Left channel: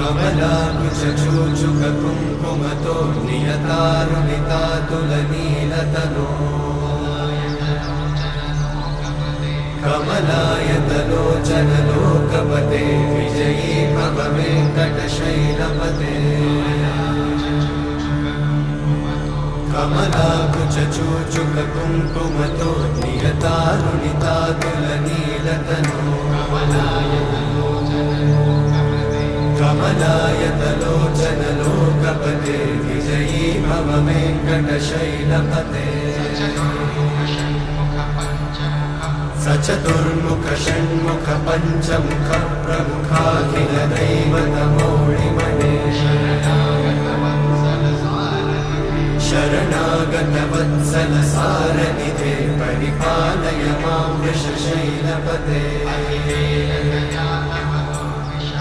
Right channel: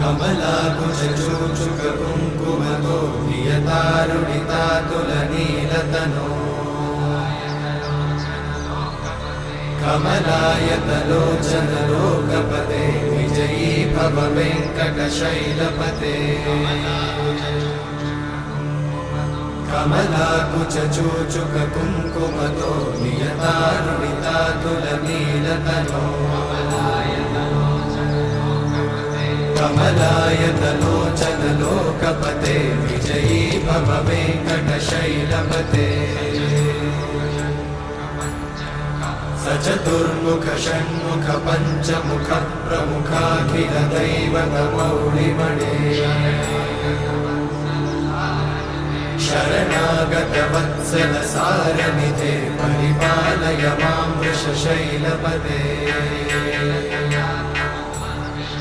कमलाकुचूचुककुङ्कुमतो नियतानुनितातुलनीलतनो कमलायतलोचनलोकपते विजयी भव वेङ्कटशैलपते कमलाकुचूचुककुङ्कुमतो नियतानुनितातुलनीलतनो कमलायतलोचनलोकपते विजयी भव वेङ्कटशैलपते सचतुर्मुख षण्मुख पञ्चमुख प्रमुखाखिलदैवतमौलिमणे शरणागतवत्सल सारण